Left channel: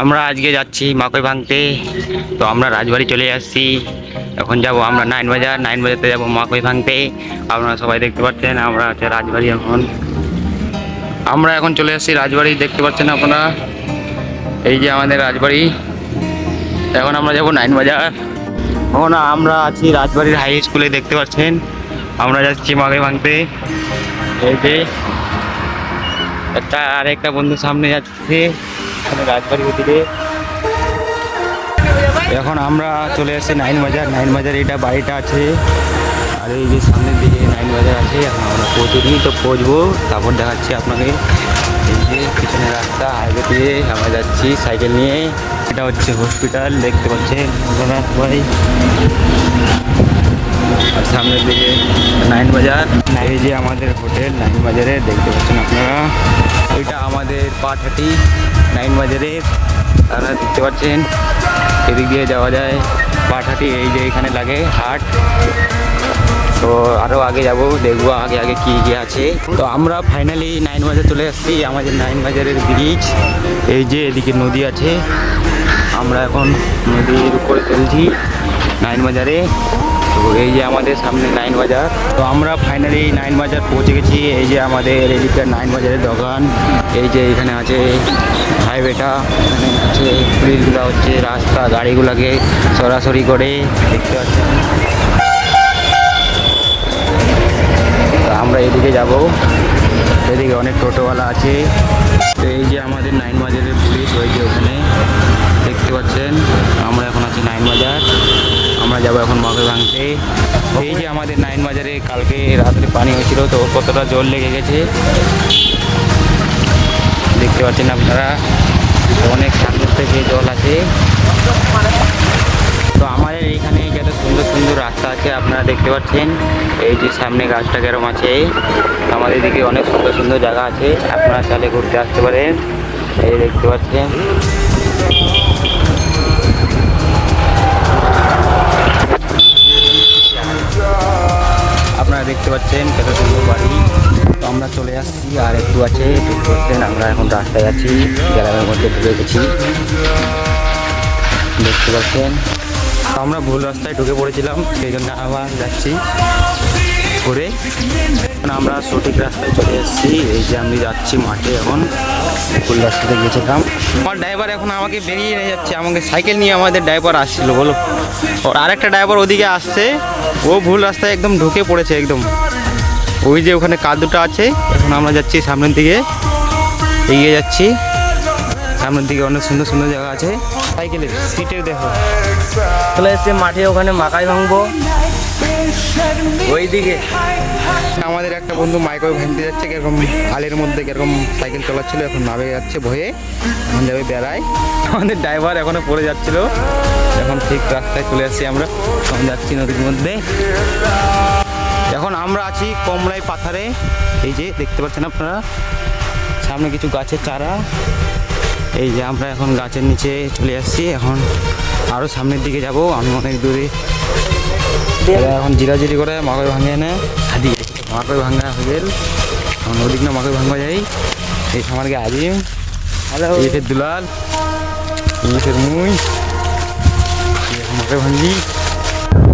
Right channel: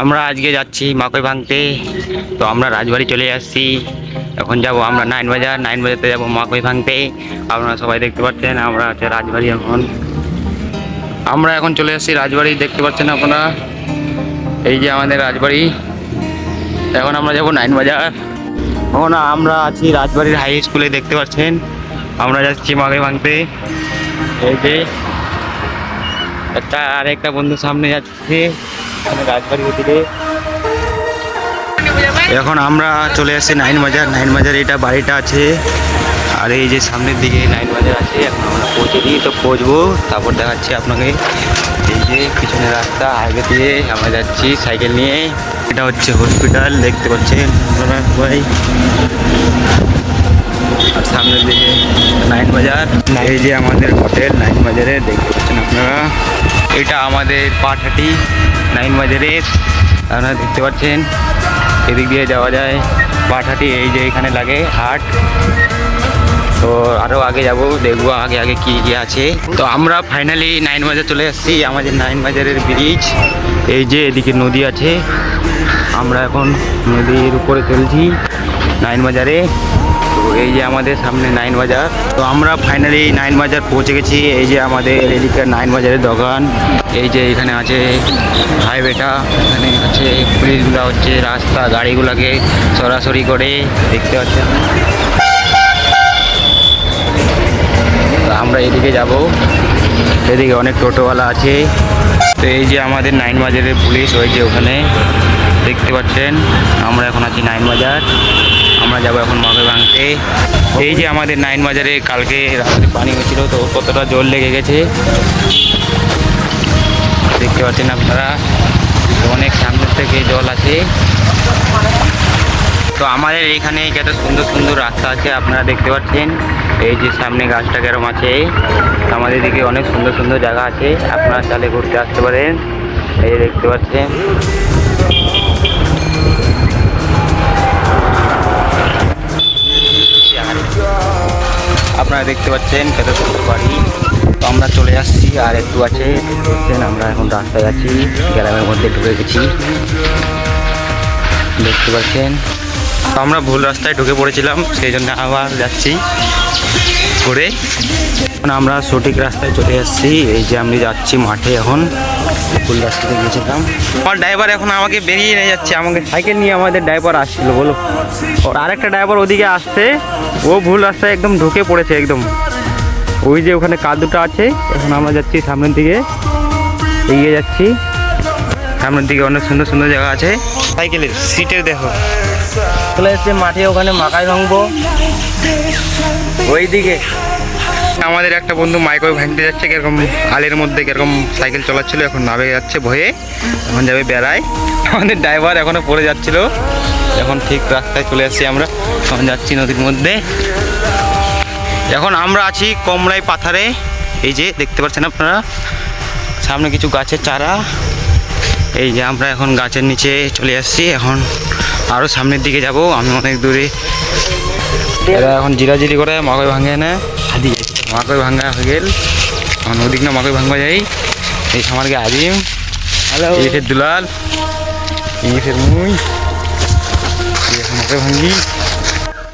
আমরা আজকে যাচ্ছি মাকই ভাঙতে। তো আমরা রাজবাড়ি চলে আসছি। এখন যাব আমরা নাইন বাজারতে যাব মাকই ভাঙতে। আপনারা সবাই দেখতে পাচ্ছেন আমরা আছে রাজবাড়ি। আমরা এখন চলে আসছি রাজবাড়ি, দেখতে পাচ্ছেন আপনারা। এই যে আমাদের রাজবাড়ি। এখন আমরা যাব নাইন বাজার। এখন আমরা আছি রাজবাড়ির হাই স্কুলে, দেখতে পাচ্ছেন। আমরা যাচ্ছি মাকই ভাঙতে। এই যে আরেকটা বন্ধু সামনে যাচ্ছে রাজবাড়ির দিকে। এখন আমরা চলে আসছি নাইন বাজার। এটা বাড়িটা আছে, আর এই যে সামনের দিকে নাইন বাজার আছে। এখন আমরা পৌঁছেছি, তো পৌঁছবো, তারপর দেখাচ্ছি আপনাকে। এই যে পিছনে রাস্তা, হাইওয়ে দিয়ে আমরা যাচ্ছি সাইকেল নিয়ে। এটা হচ্ছে হসপিটাল, দেখতে পাচ্ছেন আপনারা সবাই। আর সামনের দিকে নাইন বাজার। এই যে আমাদের হোটেল নাইন বাজারে, দেখতে পাচ্ছেন আপনারা। এটা আমাদের পাটহাটি নাইন বাজারের, আপনারা দেখতে পাচ্ছেন। এদিক দিয়ে যাওয়া যায় পাটহাটি। এই যে এখানে লাগে হাট। তো আরও আগে যাব, দেখবো আগে আগে কী কী আছে। তো আমরা ফাইনালি নাইন বাজার চলে আসছি। আমাদের নাইন বাজারের ব্রিজ, এই যে এদিকে নদী আছে। আমরা এখন নদীর উপরে চলছি নাইন বাজারে। তো এই যে আমাদের সামনে নাইন বাজার। তো আমরা ফাইনালি নাইন বাজার পৌঁছে গেছি। এই যে আমাদের এদিকে নাইন বাজারের দোকান। এই যে এখানে আছে হাইওয়েটা, এখানে আছে পুলিশগুলো হচ্ছে রাস্তা গাড়িগুলোকে সরাসরি করে, দেখতে পাচ্ছেন। আমরা এদিকে যাব, এদিকে অনেক টোটোওয়ালা আছে। তো এই যে আমাদের নাইন বাজারের পুলিশ, ওই যে ওখানে দেখতে পাচ্ছেন। আমরা এখন আছি নাইন বাজার, আমরা যাব এখন মাকই ভাঙতে। এই যে আমাদের নাইন বাজারে কালকে রাত্রে পানি হয়েছিল, তো কতটা জল লেগে গেছে দেখতে পাচ্ছেন আপনারা। অনেক সামনের থেকে জল আছে। তো আমাদের এখানে কত সুন্দর সুন্দর রাস্তা আছে, আপনারা দেখতে পাচ্ছেন। এই যে সামনে গাছটা কেরম আছে। আমাদের দিকে অনেক সুন্দর সুন্দর জায়গা আছে, আপনারা চাইলে ঘুরতে আসতে পারেন। এই দেখতে পাচ্ছেন। আপনারা দেখতে পাচ্ছেন কত সুন্দর বাড়ি। তো আমরা চলে আসছি, আর একটু আছে, দেখতে পাচ্ছেন। আমরা এখন রাস্তায় আছি, গ্রামের মধ্যে ঢুকে গেছি, দেখতে পাচ্ছেন। তো আমরা ভুল রাস্তায় ঢুকে পড়েছিলাম, সেই জন্য আবার যাচ্ছি ঘুরে। এখন আমরা সঠিক রাস্তায় চলে এসেছি। এই যে আমি যাচ্ছি মাঠে, এখন ভুল রাস্তাতে গেছিলাম। আমার ড্রাইভার এখন আমাকে বেরিয়ে নিয়ে যাচ্ছে, আমাকে সাইকেল নিয়ে আমাদের ড্রাইভার আসছিল বলো। ওর আরেকটা ড্রাইভার ওদিকে আসছে, ও ভুল রাস্তায় একদম ঢুকে পড়েছে একদম। ওই যে ওখানে কাদুটা আছে। এখন আমরা যাচ্ছি সামনের দিকে, এগিয়ে যাচ্ছি সামনের দিকে। অনেক সুন্দর সুন্দর জায়গা আছে। সাইকেলের সিটের দেখো চলে এসছে মাঠে, ওখানে মাকাই ভাঙবো ওই দিকে। আমাদের একটা বন্ধু মাইকই ভাঙতে যাচ্ছে, কিরকম আলের মধ্যে কিরকম সাইকেল চলাচ্ছিল, এখন নামে যাচ্ছে ভয়ে, এখন যাবে বেড়ায়। আমাদের ড্রাইভার এখনো পড়ে যাচ্ছিল, এখন ঠিক রাস্তায় চলে আসছি আমরা। এখন যাচ্ছি নদীর মধ্যে। এখন আমরা আছি কমলাই পাথারে। এই যে দেখতে পাচ্ছেন আপনারা সামনে কিছু গাছের চারা। এই যে আমরা এখন গাছের নিচে চলে আসছি। এখন আরও সামনের দিকে যাব, আমি অনেক দূরে। এরা এখন জিরাজিরি করে মাকই ভাঙে না, মাকই ভাঙা হয়ে গেল। এখন ওদিক না মাকই ভাঙবা যাই। এই আমার গে আজিম, এই ফের দুলাল, এই ফের মুই, এখন মাকই ভাঙি।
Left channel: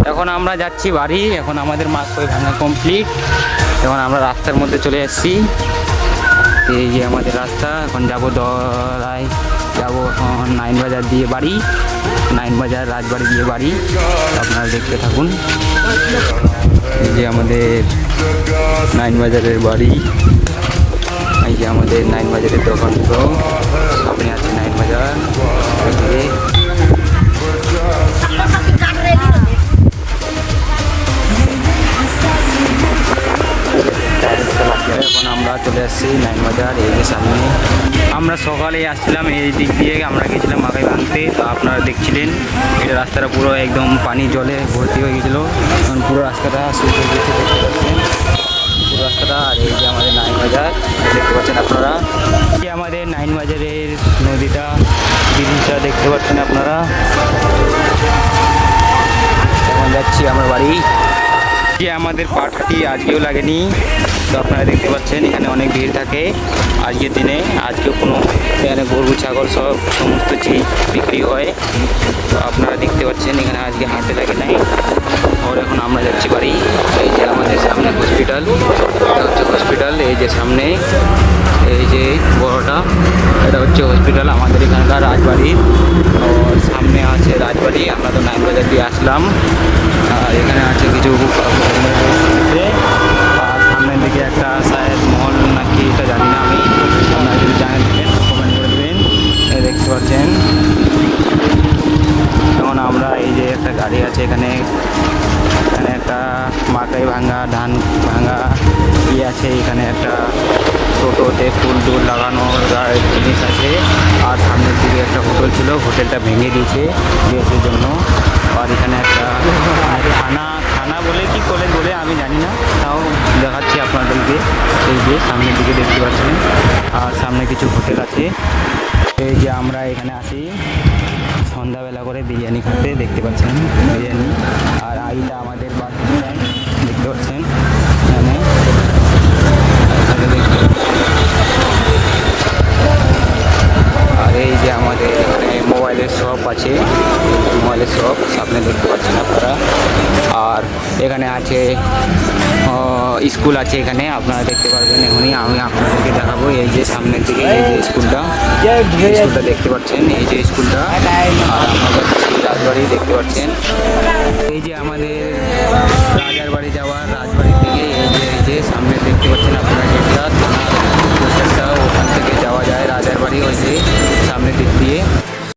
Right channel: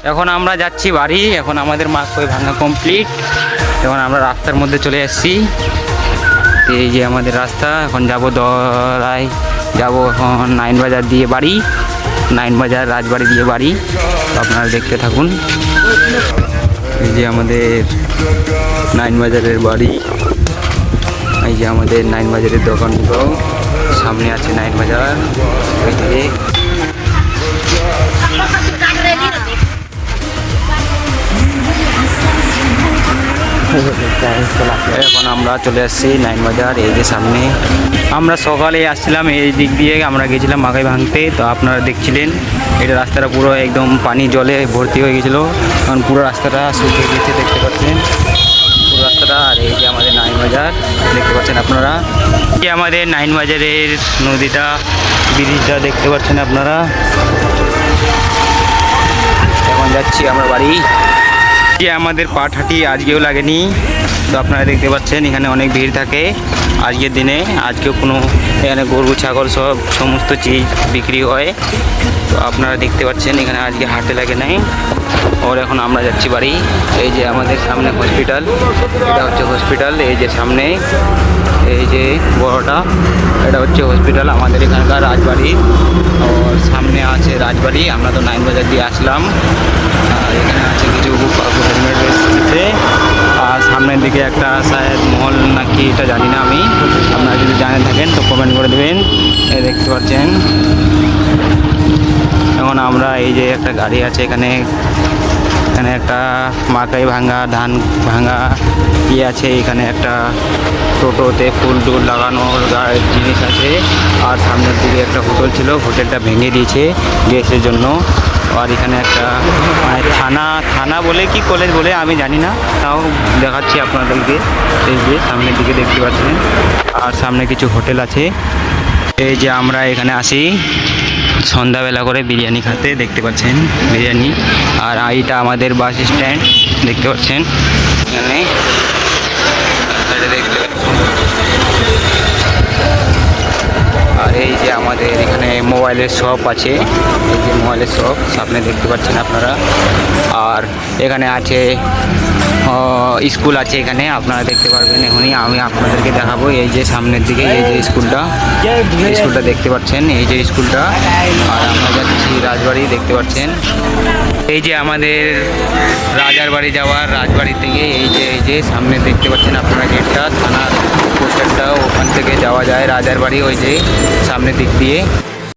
এখন আমরা যাচ্ছি বাড়ি। এখন আমাদের মাকই ভাঙা কমপ্লিট। এখন আমরা রাস্তার মধ্যে চলে আসছি। এই যে আমাদের রাস্তা। এখন যাব দরাই, যাব এখন নাইন বাজার দিয়ে বাড়ি, নাইন বাজার রাজবাড়ি দিয়ে বাড়ি। আপনারা দেখতে থাকুন। এই যে আমাদের নাইন বাজারের বাড়ি, এই যে আমাদের নাইন বাজারের দোকানগুলো, সামনে আছে নাইন বাজার। ওই দিকে এখন আমরা চলে আসছি নাইন বাজার। এই যে সামনে আমরা সকালে আসছিলাম, এই দিক দিয়ে আমরা গেছিলাম মাকই ভাঙতে। তো আপনারা দেখছিলেন এটা রাস্তাটা পুরো একদম পানি জলে ভর্তি হয়ে গেছিলো। কারণ পুরো রাস্তাটা শুকিয়ে গেছে, দেখতে পাচ্ছেন পুরো রাস্তাটা। আর এই যে আমাদের নাইন বাজার দেখতে পাচ্ছেন আপনারা। এই আমাদের নাইন বাজারের নদীটা, ব্রিজটা দেখতে পাচ্ছেন আপনারা। এখন যাচ্ছি আমরা বাড়ি। যে আমাদের পাটহাটি আজকেও লাগেনি, তো আপনারা দেখতে পাচ্ছেন এখানে অনেক ভিড় থাকে আজকের দিনে। আজকেও কোনো এখানে গরু ছাগল সব সমস্ত চিজ বিক্রি হয়। তো আপনারা দেখতে পাচ্ছেন এখানে আজকে হাটে লাগে নাই। ওর এখন আমরা যাচ্ছি বাড়ি। এই যে আমাদের সামনে হসপিটাল, এটা হচ্ছে হসপিটাল। এই যে সামনে এই যে বড়টা, এটা হচ্ছে হসপিটাল আমাদের এখানকার রাজবাড়ি। আর সামনে আছে রাজবাড়ি। আমরা তো নাইন বাজার দিয়ে আসলাম। আর এখানে আছে কিছু হেলমেট রয়েছে। আর সামনের দিকে একটা শায়দ মহল নাকি, এটা জানি না আমি। আপনারা যদি জানেন থাকেন তো কমেন্ট করে দেবেন। এই দেখতে পাচ্ছেন এখন আমরা এই যে একটা গাড়ি আছে এখানে, এখানে একটা মাকাই ভাঙা ধান ভাঙা ইয়ে আছে। এখানে একটা টোটোতে ফুল টুল লাগানোর জিনিস আছে। আর সামনের দিকে একটা হোটেল ছিল, হোটেলটা ভেঙে দিয়েছে গ্যাসের জন্য। আর এখানে একটা মানে থানা বলে কি কলেজ বলে আমি জানি না, তাও দেখাচ্ছি আপনাদেরকে। এই যে সামনের দিকে দেখতে পাচ্ছেন। আর সামনে কিছু হোটেল আছে। এই যে আমরা এখানে আসি সন্ধ্যাবেলা করে বিরিয়ানি খেতে, দেখতে পাচ্ছেন বিরিয়ানি। আর এইটা আমাদের বাস স্ট্যান্ড দেখতে পাচ্ছেন এখানে দেখতে পাচ্ছেন। আর এই যে আমাদের এখানে মোবাইলের শপ আছে, মোবাইলের শপ সামনে দেখতে পাচ্ছেন আপনারা। আর এখানে আছে স্কুল আছে এখানে, আপনারা দেখতে পারবেন এখনই। আমি আপনাদেরকে দেখাবো এই যে সামনের দিকে এই যে স্কুলটা দেখতে পাচ্ছেন, এই যে স্কুলটা। আর আমরা যাচ্ছি রাজবাড়ি, দেখতে পাচ্ছেন। এই যে আমাদের রাজার বাড়ি যাওয়ার, রাজবাড়ি থেকে এই যে সামনে দেখতে পাচ্ছেন আপনারা গেটটা, থানার পোস্টারটা, ওখান থেকে যাওয়া যায় রাজার বাড়ি ওই যে সামনের দিক দিয়ে।